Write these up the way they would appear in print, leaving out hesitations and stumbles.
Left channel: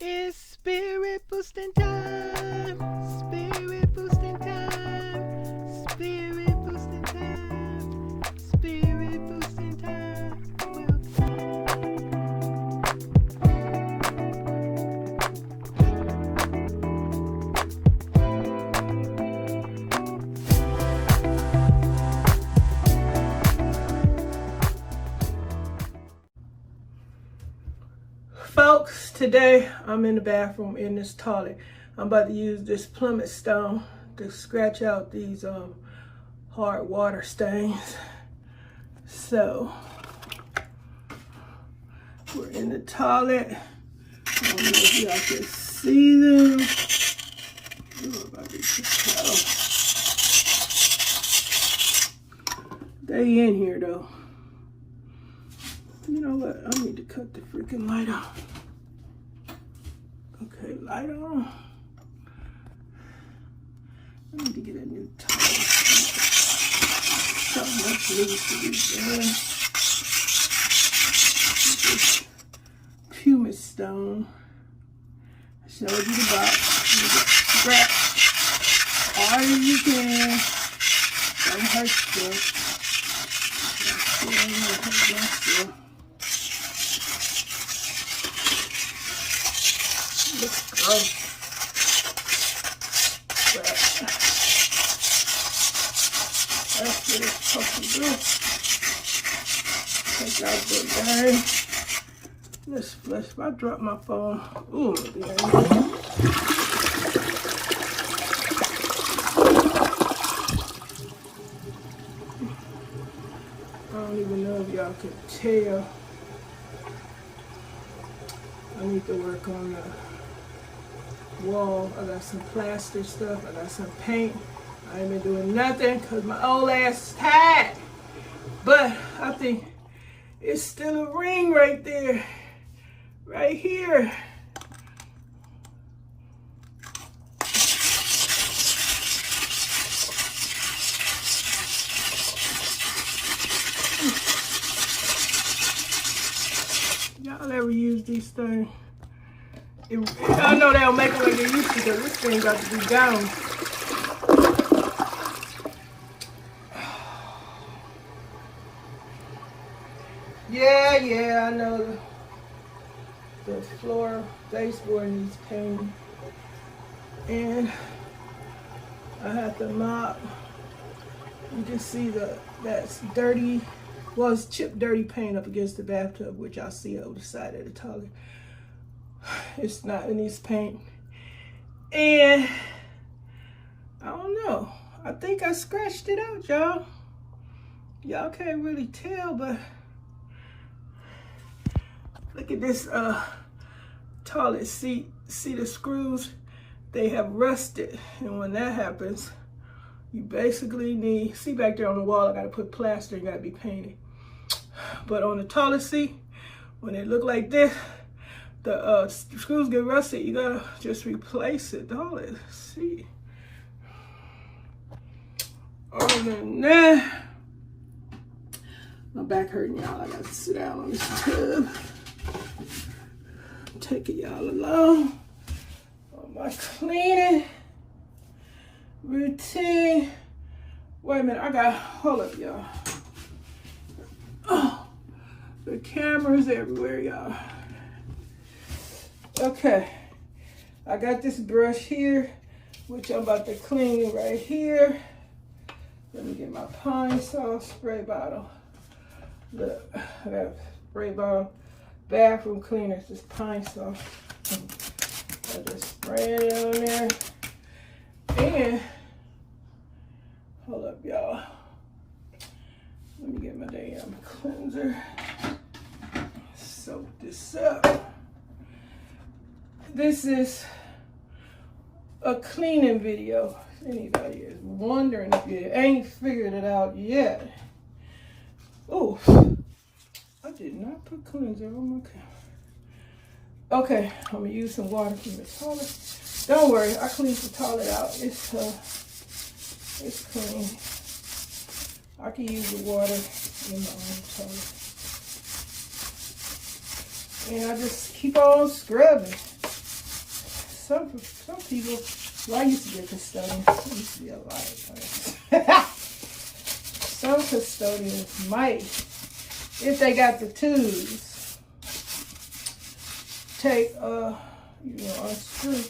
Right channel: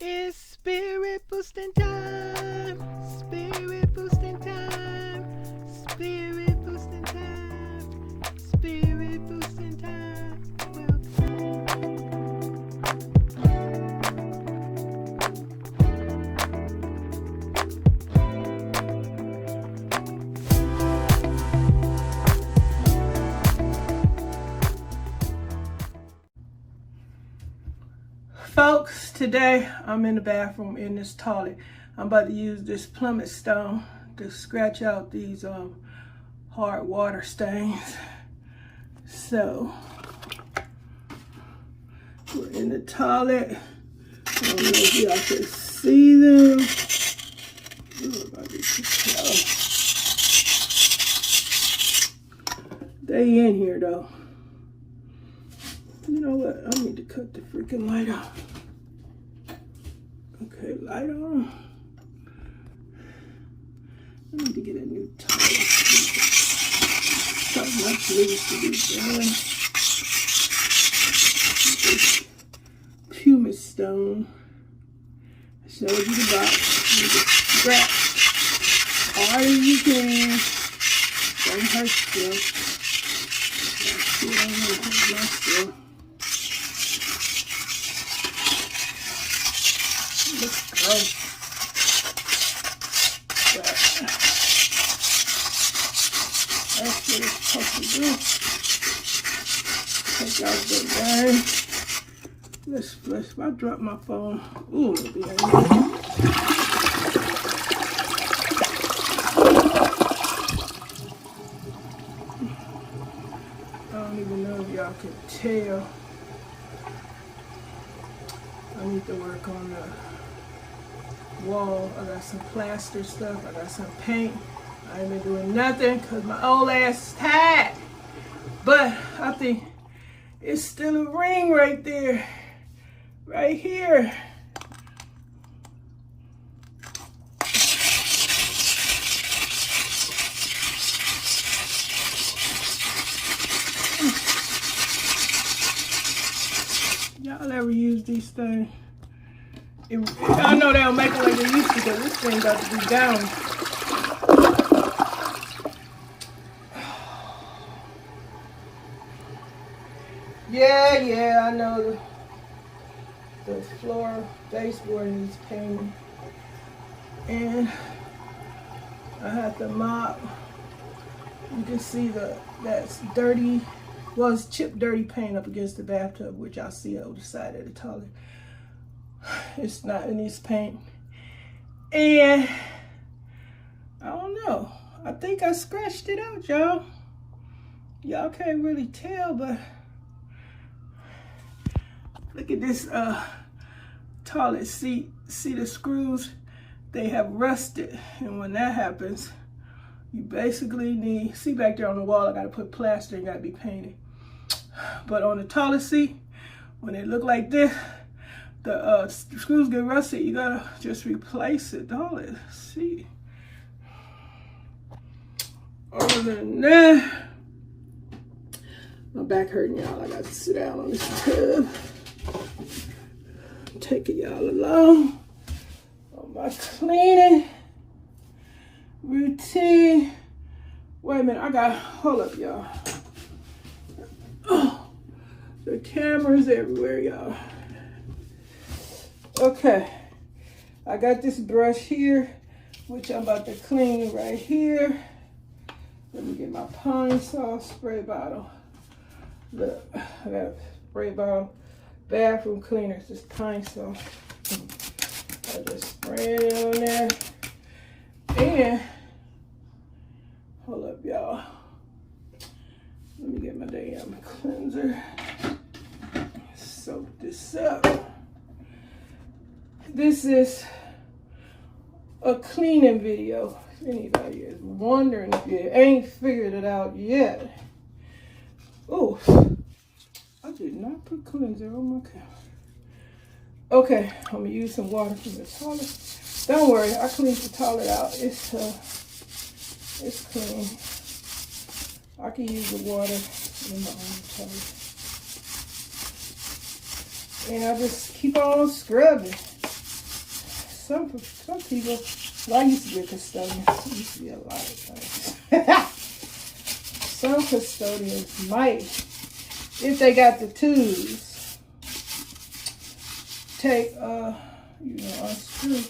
It's spirit boosting time. Spirit boosting time. Spirit boosting time. Spirit boosting time. Folks, today I'm in the bathroom in this toilet. I'm about to use this plummet stone to scratch out these hard water stains. So we're in the toilet. I don't know if y'all can see them. They in here though. You know what? I need to cut the freaking light on. Okay, light on. I need to get a new towel. Something much needs to be done. This pumice stone. I showed you the box. You can scratch hard as you can. Don't hurt yourself. Looks gross. But that's what it's supposed to do. Take out the bag. Let's flush. If I drop my phone, ooh, it'll be angry. I don't even know if y'all can tell. I need to work on the wall. I got some plaster stuff. I got some paint. I ain't been doing nothing because my old ass is tired. But I think it's still a ring right there. Right here. Y'all ever use these things? I know they don't make it like they used to, because this thing got to be down. Yeah, I know the floor baseboard needs painting. And I have to mop. You can see that's dirty. Well, it's chipped dirty paint up against the bathtub, which I see over the side of the toilet. It's not, it needs paint. And I don't know. I think I scratched it out, y'all. Y'all can't really tell, but look at this toilet seat. See the screws? They have rusted. And when that happens, you basically need, see back there on the wall, I gotta put plaster and gotta be painted. But on the toilet seat, when it look like this, the screws get rusted, you gotta just replace it, don't it? See. Other than that, my back hurting, y'all. I gotta sit down on this tub. Take it y'all along on my cleaning routine. Wait a minute, hold up, y'all. Oh, the camera's everywhere, y'all. Okay, I got this brush here, which I'm about to clean right here. Let me get my pine sol spray bottle. Look, I got a spray bottle, bathroom cleaner, it's just pine sol. I just spray it on there. And, hold up, y'all. Let me get my damn cleanser. Soak this up. This is a cleaning video. If anybody is wondering if you ain't figured it out yet. Oh, I did not put cleanser on my camera. Okay, I'm gonna use some water from the toilet. Don't worry, I cleaned the toilet out. It's clean. I can use the water in my own toilet. And I just keep on scrubbing. some people, well, I used to be a custodian. I used to be a lot. Some custodians might, if they got the tools, take, unscrew.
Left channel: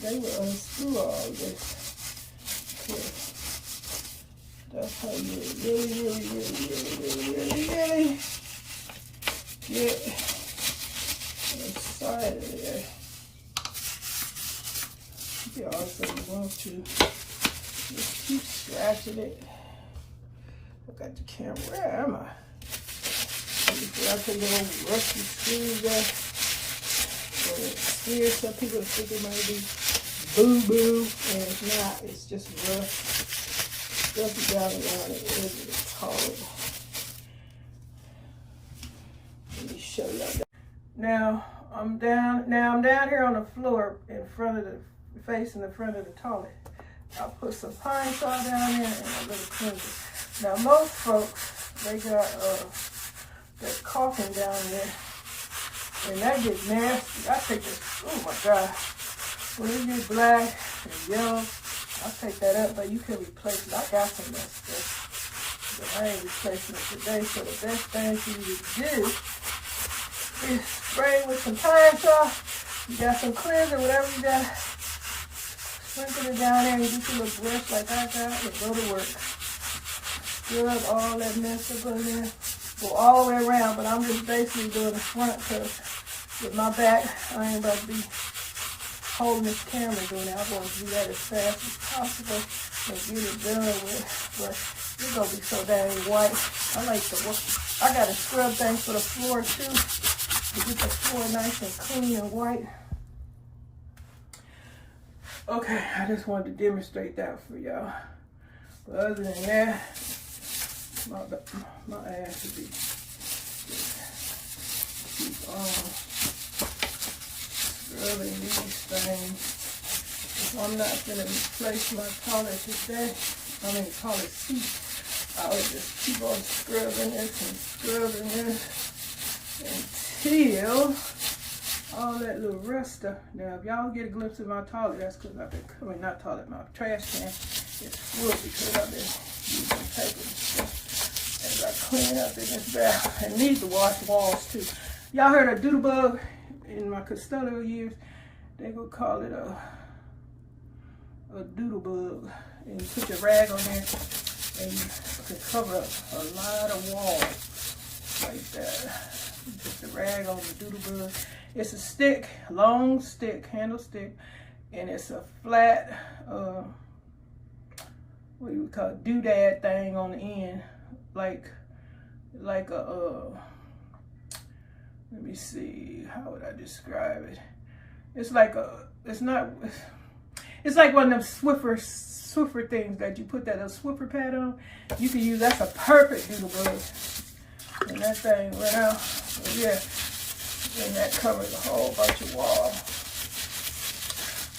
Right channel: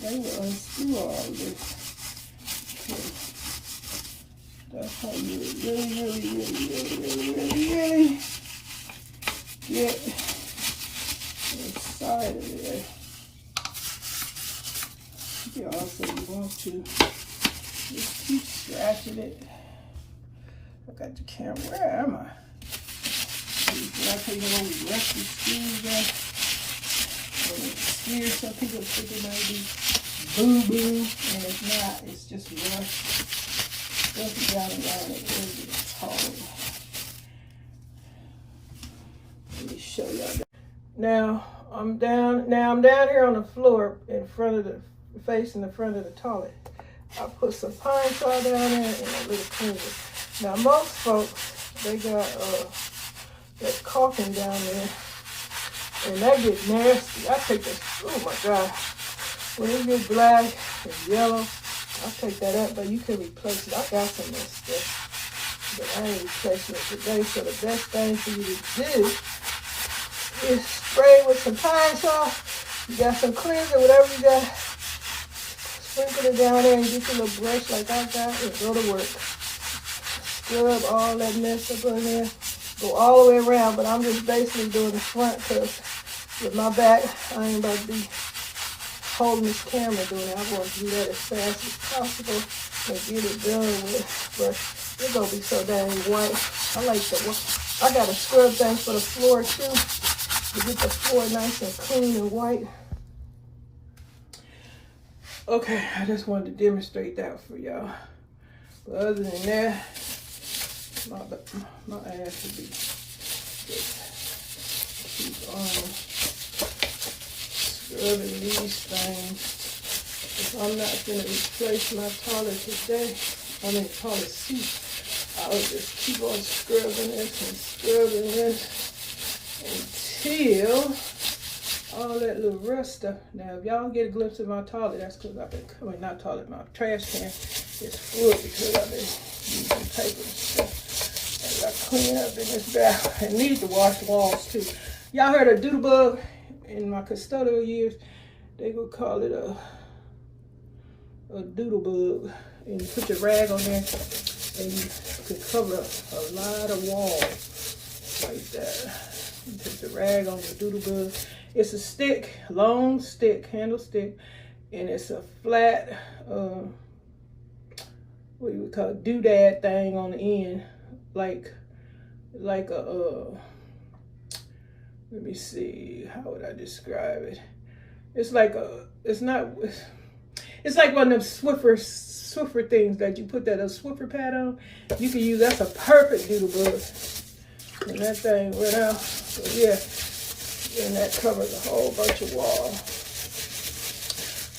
They will unscrew all this. Okay. That's how you really get inside of there. You also want to just keep scratching it. I got the camera. Where am I? I can get on the rusty screws there. Here, some people think it might be boo-boo, and it's not. It's just rough. Rough down around it. Where do you call it? Let me show y'all that. Now I'm down here on the floor in front of the, facing the front of the toilet. I put some pine saw down there and a little cleanser. Now most folks, they got that caulking down there, and that gets nasty. I take this, oh my God. When it gets black and yellow, I take that up, but you can replace it. I got some of that stuff, but I ain't replacing it today. So the best thing for you to do is spray with some pine saw. You got some cleanser, whatever you got. Sprinkle it down there and get your little brush like I got and go to work. Stir up all that mess up in there. Go all the way around, but I'm just basically doing the front because with my back, I ain't about to be holding this camera doing it. I want to do that as fast as possible and get it done with. But it's going to be so dang white. I like the work. I got a scrub thing for the floor too to get the floor nice and clean and white. Okay, I just wanted to demonstrate that for y'all. But other than that, my ass should be just keep on scrubbing these things. If I'm not gonna replace my toilet today, toilet seat, I will just keep on scrubbing this and scrubbing this until all that little rust stuff. Now, if y'all get a glimpse of my toilet, that's because I've been, not toilet, my trash can is full because I've been using paper and stuff. As I clean up in this bath, I need to wash walls too. Y'all heard of doodle bug? In my custodial years, they would call it a doodle bug. And you put your rag on there and you can cover up a lot of walls like that. You put the rag on the doodle bug. It's a stick, long stick, handle stick, and it's a flat, what you would call it, doodad thing on the end, like a, let me see, how would I describe it? It's like it's like one of them Swiffer things that you put that Swiffer pad on. You can use, that's a perfect doodle bug. And that thing went out, so yeah. And that covers a whole bunch of walls.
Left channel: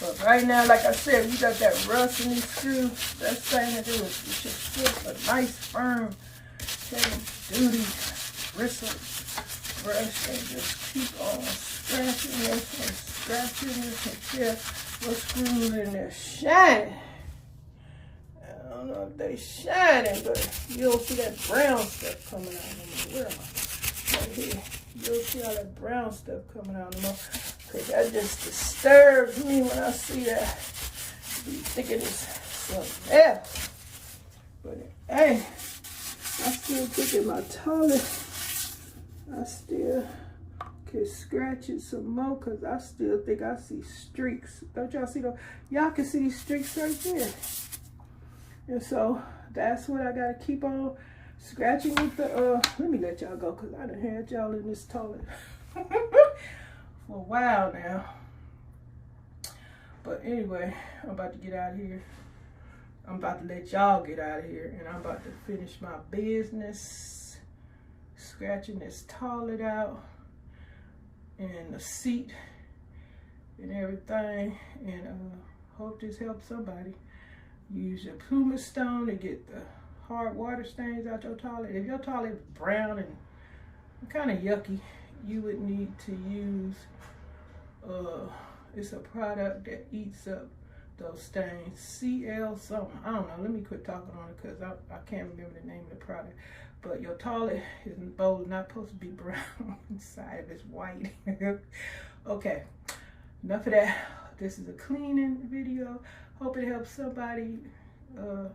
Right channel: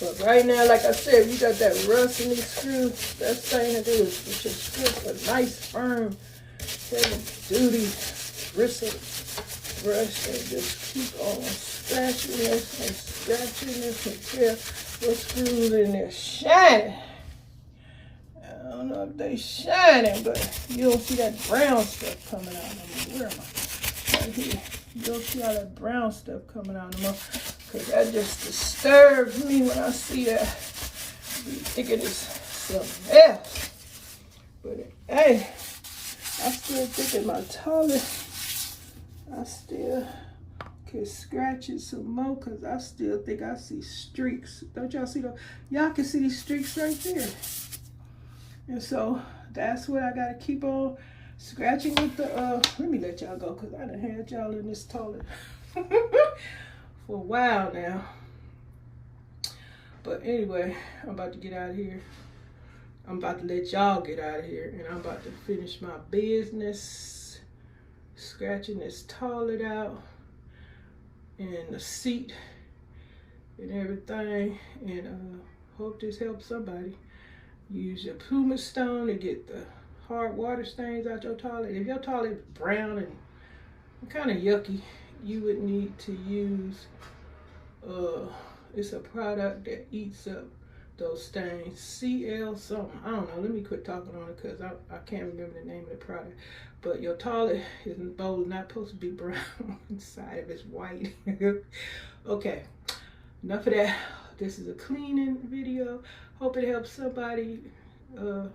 But right now, like I said, you got that rust in these screws. Best thing to do is you should strip a nice, firm, heavy-duty bristle brush and just keep on scratching this and scratching this until those screws in there shine. I don't know if they shining, but you don't see that brown stuff coming out. Where am I? Right here. You'll see all that brown stuff coming out of them, because that just disturbs me when I see that. I be thinking it's something else. But hey, I still think in my toilet, I still can scratch it some more because I still think I see streaks. Don't y'all see those? Y'all can see these streaks right there. And so that's what I gotta keep on scratching with the, let me let y'all go because I done had y'all in this toilet for a while now. But anyway, I'm about to get out of here. I'm about to let y'all get out of here, and I'm about to finish my business, scratching this toilet out and the seat and everything, and hope this helps somebody. Use your pumice stone to get the hard water stains out your toilet. If your toilet is brown and kind of yucky, you would need to use It's a product that eats up those stains. CL something. I don't know. Let me quit talking on it because I can't remember the name of the product. But your toilet bowl is not supposed to be brown. Inside of it's white. Okay. Enough of that. This is a cleaning video. Hope it helps somebody to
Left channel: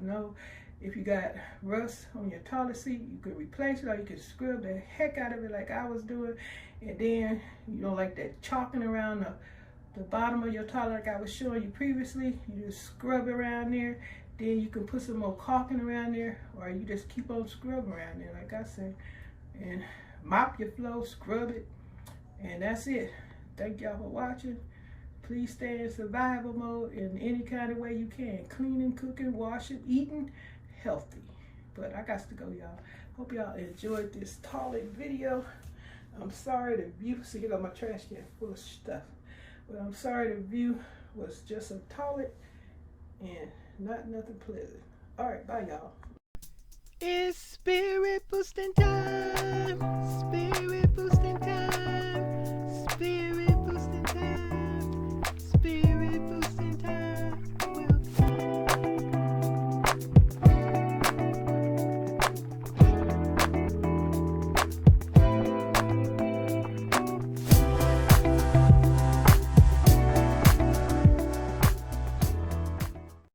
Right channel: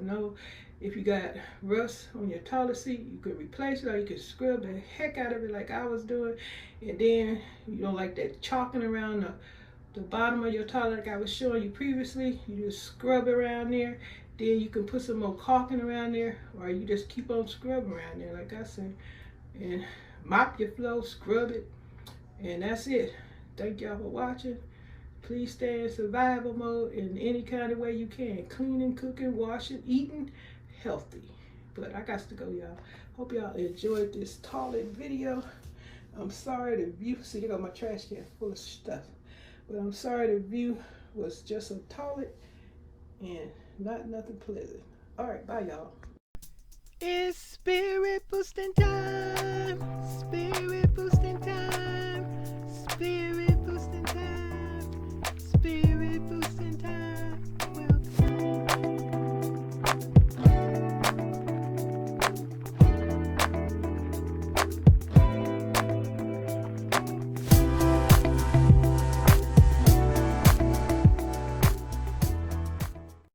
know if you got rust on your toilet seat, you could replace it, or you could scrub the heck out of it like I was doing. And then you don't like that chalking around the bottom of your toilet like I was showing you previously. You just scrub around there. Then you can put some more caulking around there, or you just keep on scrubbing around there like I said. And mop your floor, scrub it, and that's it. Thank y'all for watching. Please stay in survival mode in any kind of way you can. Cleaning, cooking, washing, eating healthy. But I got to go, y'all. Hope y'all enjoyed this toilet video. I'm sorry the view, see, you got my trash can full of stuff. But I'm sorry the view was just a toilet and not nothing pleasant. All right, bye, y'all. It's spirit boosting time. Spirit boosting time. Spirit